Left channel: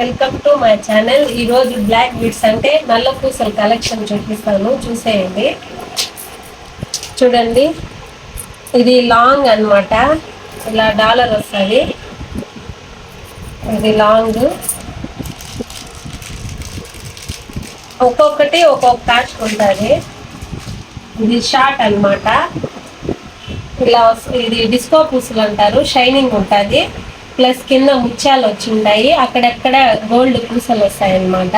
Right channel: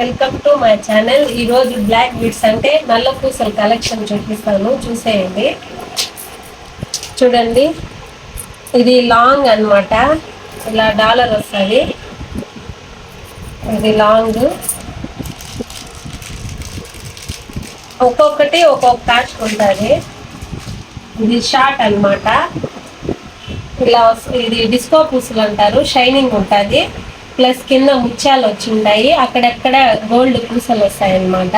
Welcome to my channel. ఈరోజు black beads అంటే నల్ల పూసల కలెక్షన్ చూపిస్తాను, చూసేయండి. చూడండి, ఇది లాంగ్ అన్నమాట. ఇలా డాలర్ వస్తుంది. ఇది లాంగ్, ఒక్కొక్కటి ఒక్కొక్క కాస్ట్ ఉంటుంది. ఇది షార్ట్ అన్నమాట. ఇలా ఇది డిస్కో పూసలు అంటారు. షైనింగ్ ఉంటుంది, ప్లస్ కింద ముత్యాలు వచ్చి ఉంటాయి. అక్కడెక్కడ గోల్డ్ పూసలు వస్తాయి అన్నమాట.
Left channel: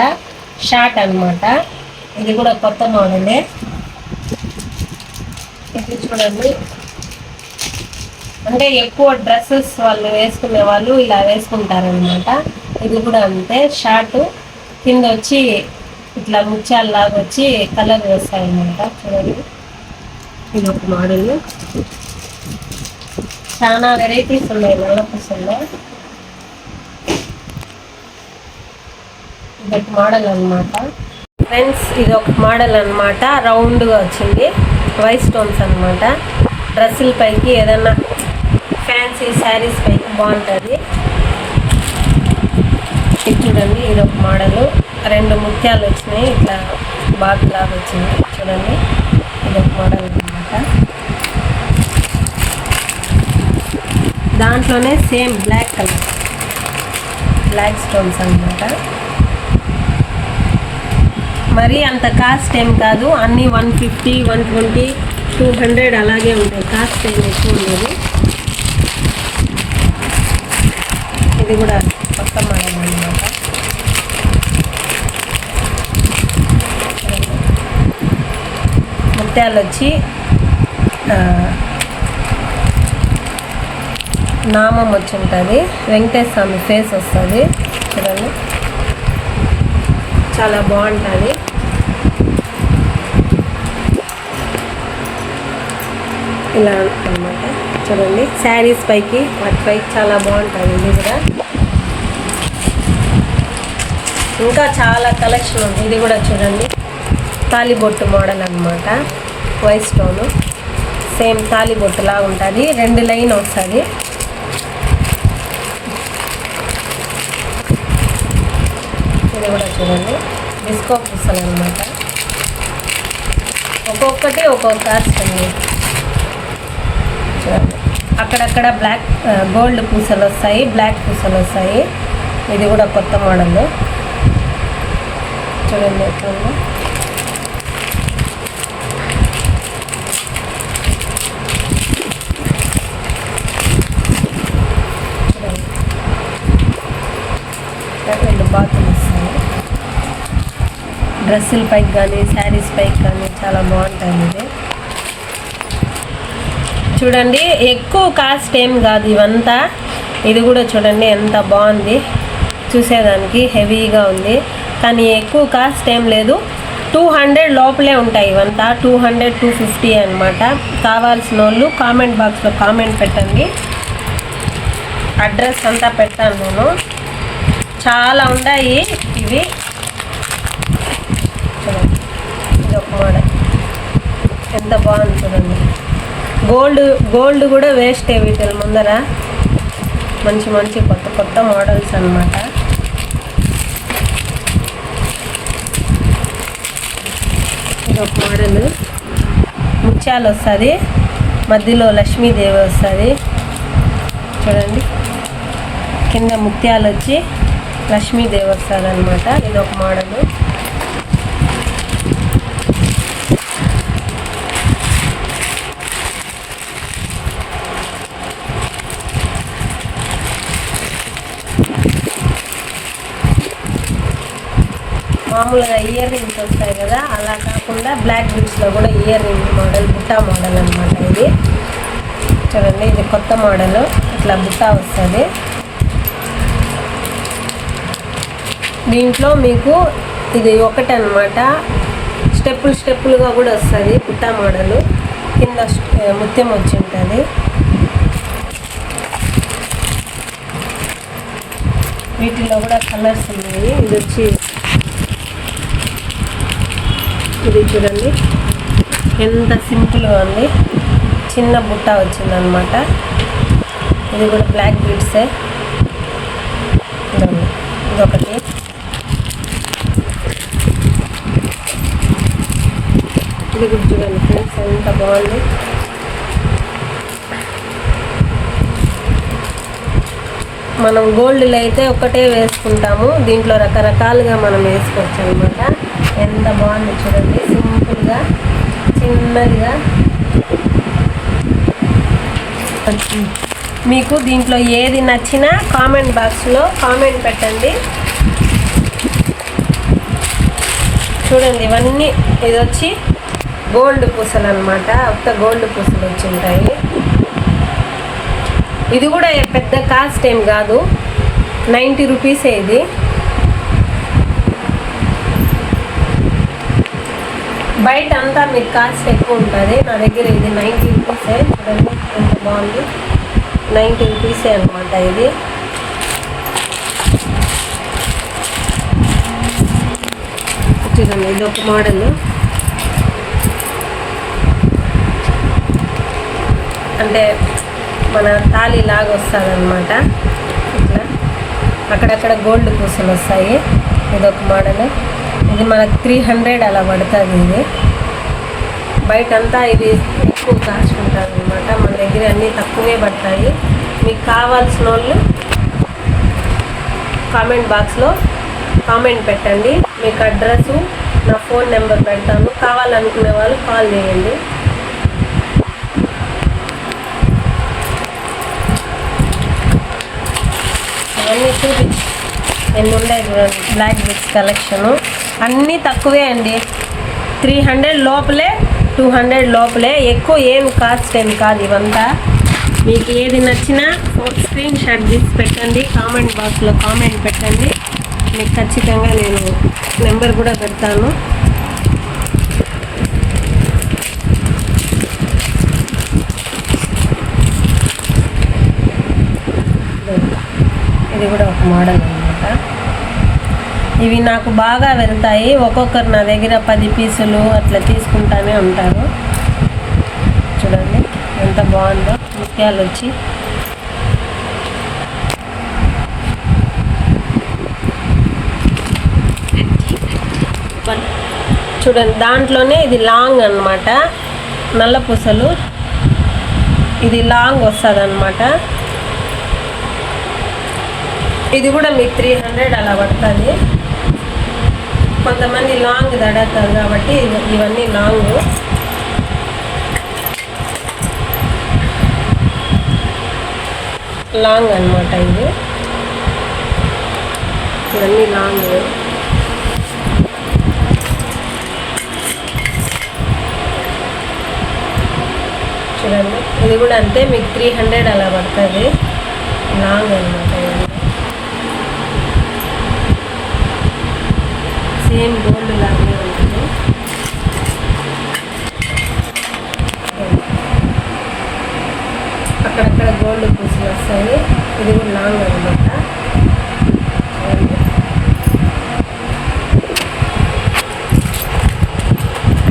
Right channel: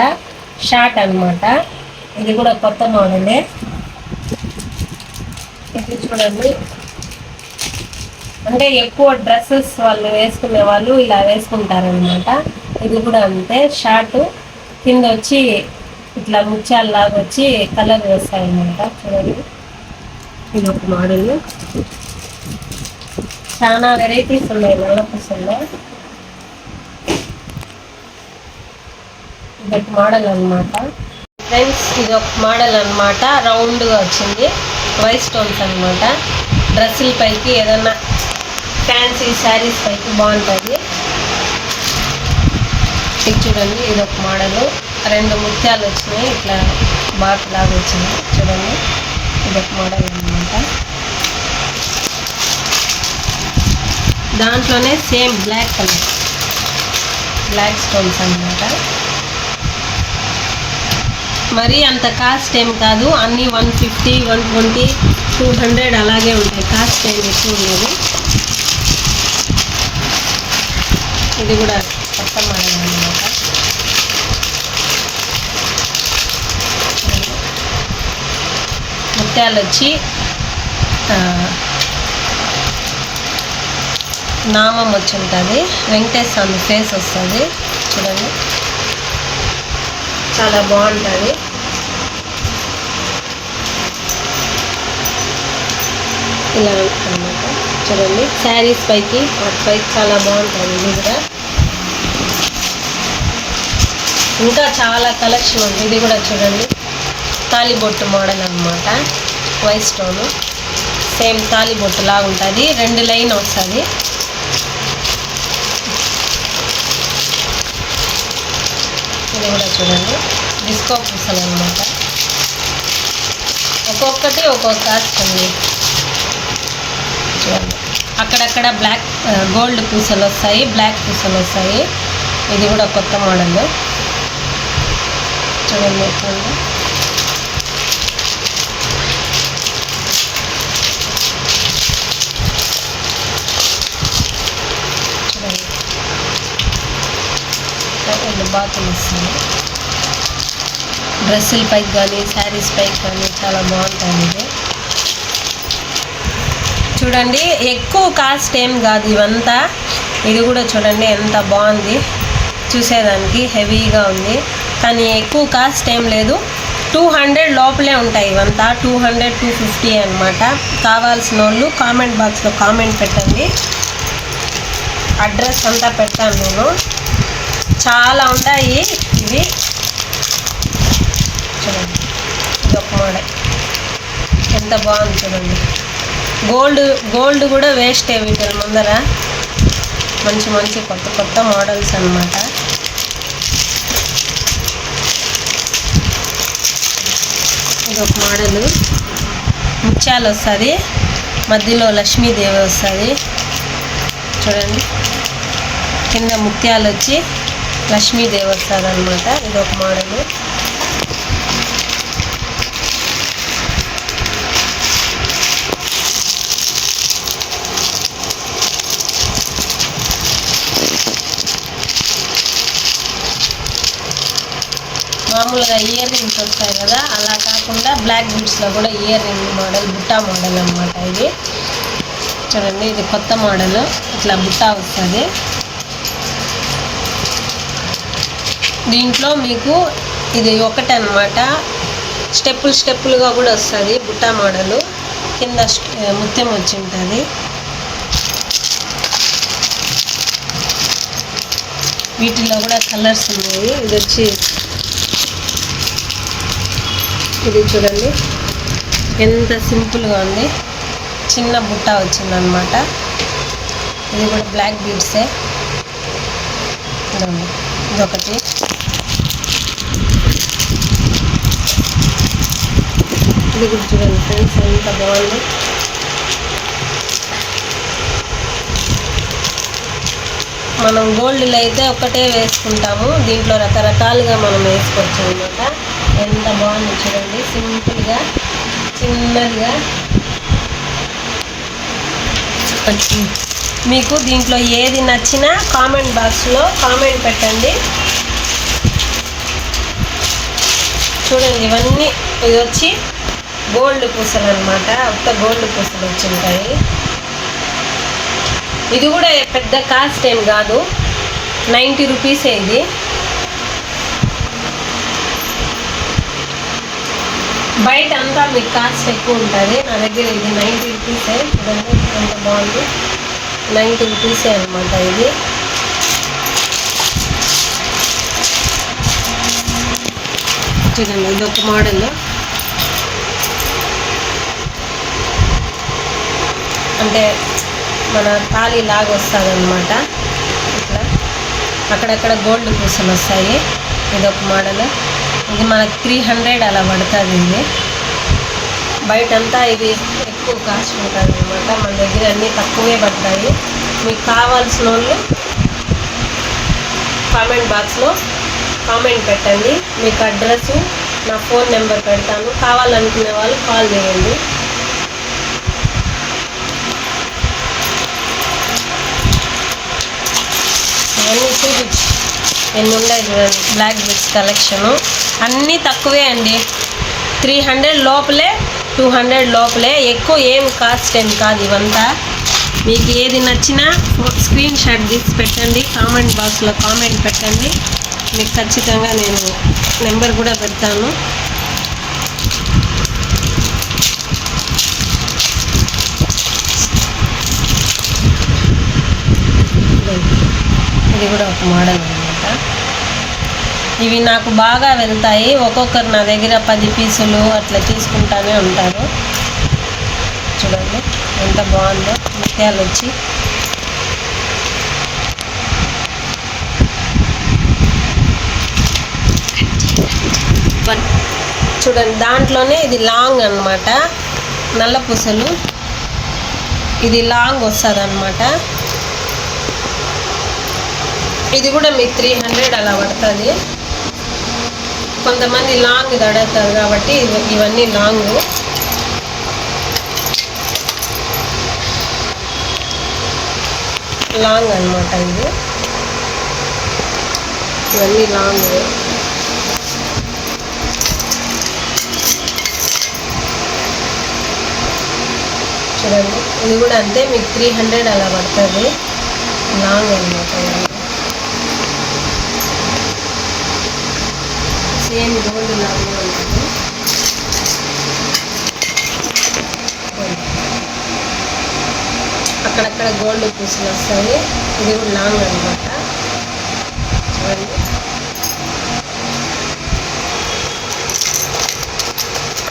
షార్ట్ అన్నమాట. ఇది కూడా కొత్త మోడలే. ఇది చూడండి, అంటే ఎక్కువ డ్రెస్సెస్ వాళ్ళు వేసుకునే వాళ్ళు ఇలా వేసుకుంటారనమాట. ఇది కూడా అంతే, షార్ట్ కింద వచ్చి ఇట్లా ముత్యాలు లాగా వచ్చి కలర్ వేస్తాయి అన్నమాట. చూడండి, ఇది ఒక మోడల్. చాలా వెరైటీస్ ఉన్నాయి నల్ల పూసల్లో. ఇది ఒక మోడల్ అనమాట ఫ్రెండ్స్. ఇది ఒక మోడల్ అనమాట, రౌండ్గా వచ్చింది. వైట్ స్టోన్స్ అనమాట. డ్రెస్సుల పైకి ఏదైనా ఫ్యాన్సీ శారీస్ పైకి బాగుంటుంది. ఇది చూడండి, ఇది ఒక మోడల్. రెండు ముత్యాలు వచ్చినాయి, ఇట్లా బాట్ లాగా వచ్చినాయి. చూడండి, ఇది ఒక మోడల్ అనమాట. దాంట్లోనే same black colour, black stones అనమాట. మరి అంత కాస్ట్ ఏం కాదు, అన్నీ 150, 120, 200 అలాగే ఉంటాయి. కాస్ట్ ఏం ఎక్కువ ఉండదు. ఇది కూడా కొత్త మోడల్ అనమాట. ముత్యాలు వచ్చి నామం వచ్చి ఉంటుంది. వెంకటేశ్వర స్వామి ఫేస్ వస్తుంది. చూడండి, చాలా బాగుంటుంది. ఇలా అన్నమాట. చూడండి, శారీస్ పైకి వాటి పైకి చాలా బాగుంటుంది. ఇది కూడా ఇంకా చాలా కలెక్షన్ ఉంది. ఇది కూడా చూడండి, తాలిబొట్టు మోడల్ అన్నమాట. వైట్ స్టోన్ సేమ్ తాలిబొట్టు లాగా ఉంటుంది. 2 లైన్ వస్తుంది. ఇది కూడా చూడండి, డిస్కో పూసలు అనమాట. ఒక్కొక్కటి ఒక్కొక్క కాస్ట్ ఉంది. చూడండి, అక్కడక్కడ బ్లాక్ గోల్డ్ పూసలు వస్తాయి, బ్లాక్ పూసలు వస్తాయి. ఇది కూడా కొత్త మోడల్. చూడండి ఎట్లా, చూడండి బాతులు వస్తాయి. డ్రెస్సుల పైకి కానీ శారీస్ పైకి కానీ చాలా బాగుంటుంది. ఇది చూడండి, ఎక్కువ కాస్ట్ ఏం కాదు ఇవంతా. ఇది కూడా చూడండి ఎంత బాగుంది, చూసేదానికి హెవీగా ఉంది. కానీ ఎక్కువ కాస్ట్ ఏం లేదు, 200 లోపలే ఉంటాయి ఇవంతా. 200, 250 అనమాట. కావాల్సిన వాళ్ళు కామెంట్ బాక్స్లో కామెంట్ పెట్టండి, అడ్రస్ అంతా పెడతాను నేను. చాలా ఉన్నాయి ఇవి. చూడండి, ఇది ఒక మోడల్ ఎంత బాగుంది. చూడండి, గోల్డ్ కూడా వేస్ట్ వీటి ముందర. మంచి మంచి కొత్త కొత్త మోడల్స్ అన్నమాట. ఇది ఒక మోడల్, ముత్యాలు వస్తుంది, మధ్యలో లక్ష్మీదేవి వస్తుంది. చూడండి, కింద ముత్యాలు వచ్చి లక్ష్మీదేవి వస్తుంది అనమాట. ఇది ఒక మోడల్. మామూలుగా ఇయర్ రింగ్స్ వస్తాయి కదా, అలా కాకుండా బ్లాక్ బీడ్స్లో కూడా ear ring model, Butta model అనమాట. ఇది చూడండి, ఇది కొత్త మోడల్. ఇట్లా బుట్టా వస్తుంది. దీంట్లో మీకు ఇది ఒకటి అనమాట, స్టెప్పులుగా కూడా వస్తుంది. బుట్టా మోడలు కింద ముత్యం వచ్చి ఉంటుంది. వీటిలో కూడా కలర్స్ ఉన్నాయి. ఇది వచ్చి ఇది చూడండి ఎంత సింపుల్గా ఉంది. చిన్న బుట్ట వచ్చిందనమాట. ఇది కూడా బ్లాక్ బీడ్సే. ఇదొకటి. ఎంత బాగుంది. మనం గోల్డ్లో అయితే ఒకటే వేసుకుంటాము, దీంట్లో రకరకాలుగా మనం వేసుకోవచ్చు అనమాట. ఎంత బాగుంది చూడండి, సింపుల్గా చిన్నదిగా. మీకు దీంట్లో ఏది నచ్చినా కామెంట్ బాక్స్లో కామెంట్ పెట్టండి. చూడండి ఇవన్నీ, ఇది వచ్చి గోల్డ్ పూసలు అనమాట, ఉత్త గోల్డ్ పూసలు వచ్చి ఉంటాయి. ఇది కూడా పెద్ద కాస్ట్ ఏం కాదు, 90 రూపీసే ఇది. బయట అంతా మీకు కాస్ట్ ఎక్కువ ఉంటుంది, నా దగ్గర ఇది 90 రూపీసే. చూడండి ఎంత బాగుంది, 90 రూపీసే అనమాట ఇది. చూడండి ఇది ఒక మోడల్, అంటే మన తాళి లాగా వస్తుంది అనమాట. ఇట్లా అక్కడక్కడ గోల్డ్ పూసలు వస్తాయి. ఇదొక మోడల్, ఇది మనకు 300 అలా పడుతుంది. ఇది బయటంతా ఇది ఎక్కువ కాస్ట్ ఉంటుంది అనమాట, మన దగ్గర అన్నీ తక్కువే పడతాయి. మీకు కావాల్సిన వాళ్ళు కామెంట్ బాక్స్లో కామెంట్ పెట్టండి, మీకు అడ్రస్సు నా ఫోన్ నెంబర్ పెడతాను, కావాలనుకునే వాళ్ళు కాల్ చేయండి. అన్నీ చూపి ఎన్ని ఉన్నాయి చూడండి, బ్లాక్ బిట్స్ కలెక్షను అన్నీ తక్కువే అండి, 300 లోపలే, 200 లోపలే, ఎక్కువ ఏం కాస్ట్ ఏం కాదు. ఇవంతా మీకు ఏది నచ్చినా స్క్రీన్ షాట్ తీసి పెట్టండి, కామెంట్ బాక్స్లో కామెంట్ పెట్టండి, మీకు ఖచ్చితంగా నేను నెంబర్ కూడా పెడతాను. ఇది కూడా ఒక మోడల్ అనమాట. ఇవి నాకు బాగా వెళ్తాయి, ఒక్కొక్కరు నా దగ్గర 10 పీసులు అట్లా తీసుకుంటానే ఉంటారు. చూడండి ఎంత బాగుందో, ముత్యాలు వచ్చి. చూడండి దాంట్లోనే ఇది లాంగ్ అనమాట, నల్ల పూసలు, ఇది లాంగ్ వస్తుంది అనమాట. ఇది కూడా మీకు 300 అలా పడుతుంది. కొంతమంది లాంగ్ దడతారు కాబట్టి ఇవన్నీ లాంగ్. లాంగ్ అనమాట ఇది, ఇవన్నీ లాంగ్. చూడండి ఇది కూడా అంతే, మీకు 300 అలా పడుతుంది, లాంగ్ అనమాట. సేమ్ గోల్డ్ లాగానే ఉంటుంది. అక్కడక్కడ గోల్డ్ పూసలు వస్తాయి. ఇది కూడా లాంగ్ అనమాట. చూడండి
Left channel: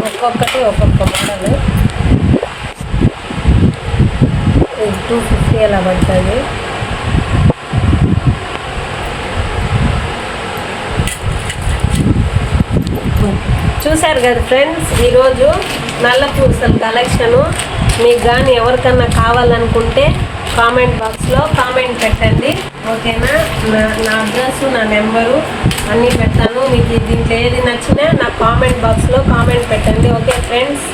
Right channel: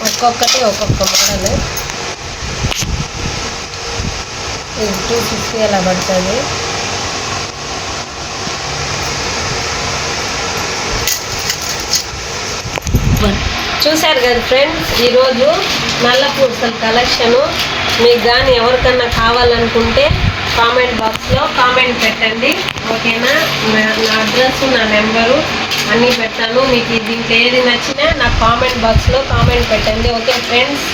ఒక్కొక్కటి ఒక్కొక్క మోడల్. ఇది 250 అలా పడుతుంది. చూశారు కదా ఫ్రెండ్స్, ఈరోజు నల్ల పూసల కలెక్షను. మీకు కానీ ఎవరికన్నా కావాలనుకుంటే కామెంట్ బాక్స్లో కామెంట్ పెట్టండి, ఓకేనా. నా అడ్రస్, నా నెంబరు అన్నీ పెడతాను. మీకు దీంట్లో ఏది నచ్చినా నా కామెంట్ బాక్స్లో కామెంట్ పెట్టండి, ఓకే ఫ్రెండ్స్.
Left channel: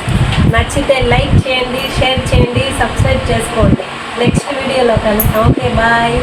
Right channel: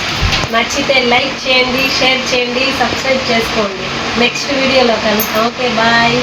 నచ్చితే లైక్ చేయండి, షేర్ చేయండి, సబ్స్క్రైబ్ చేసుకోండి. నెక్స్ట్ వీడియోలో కలుస్తాం. Okay bye.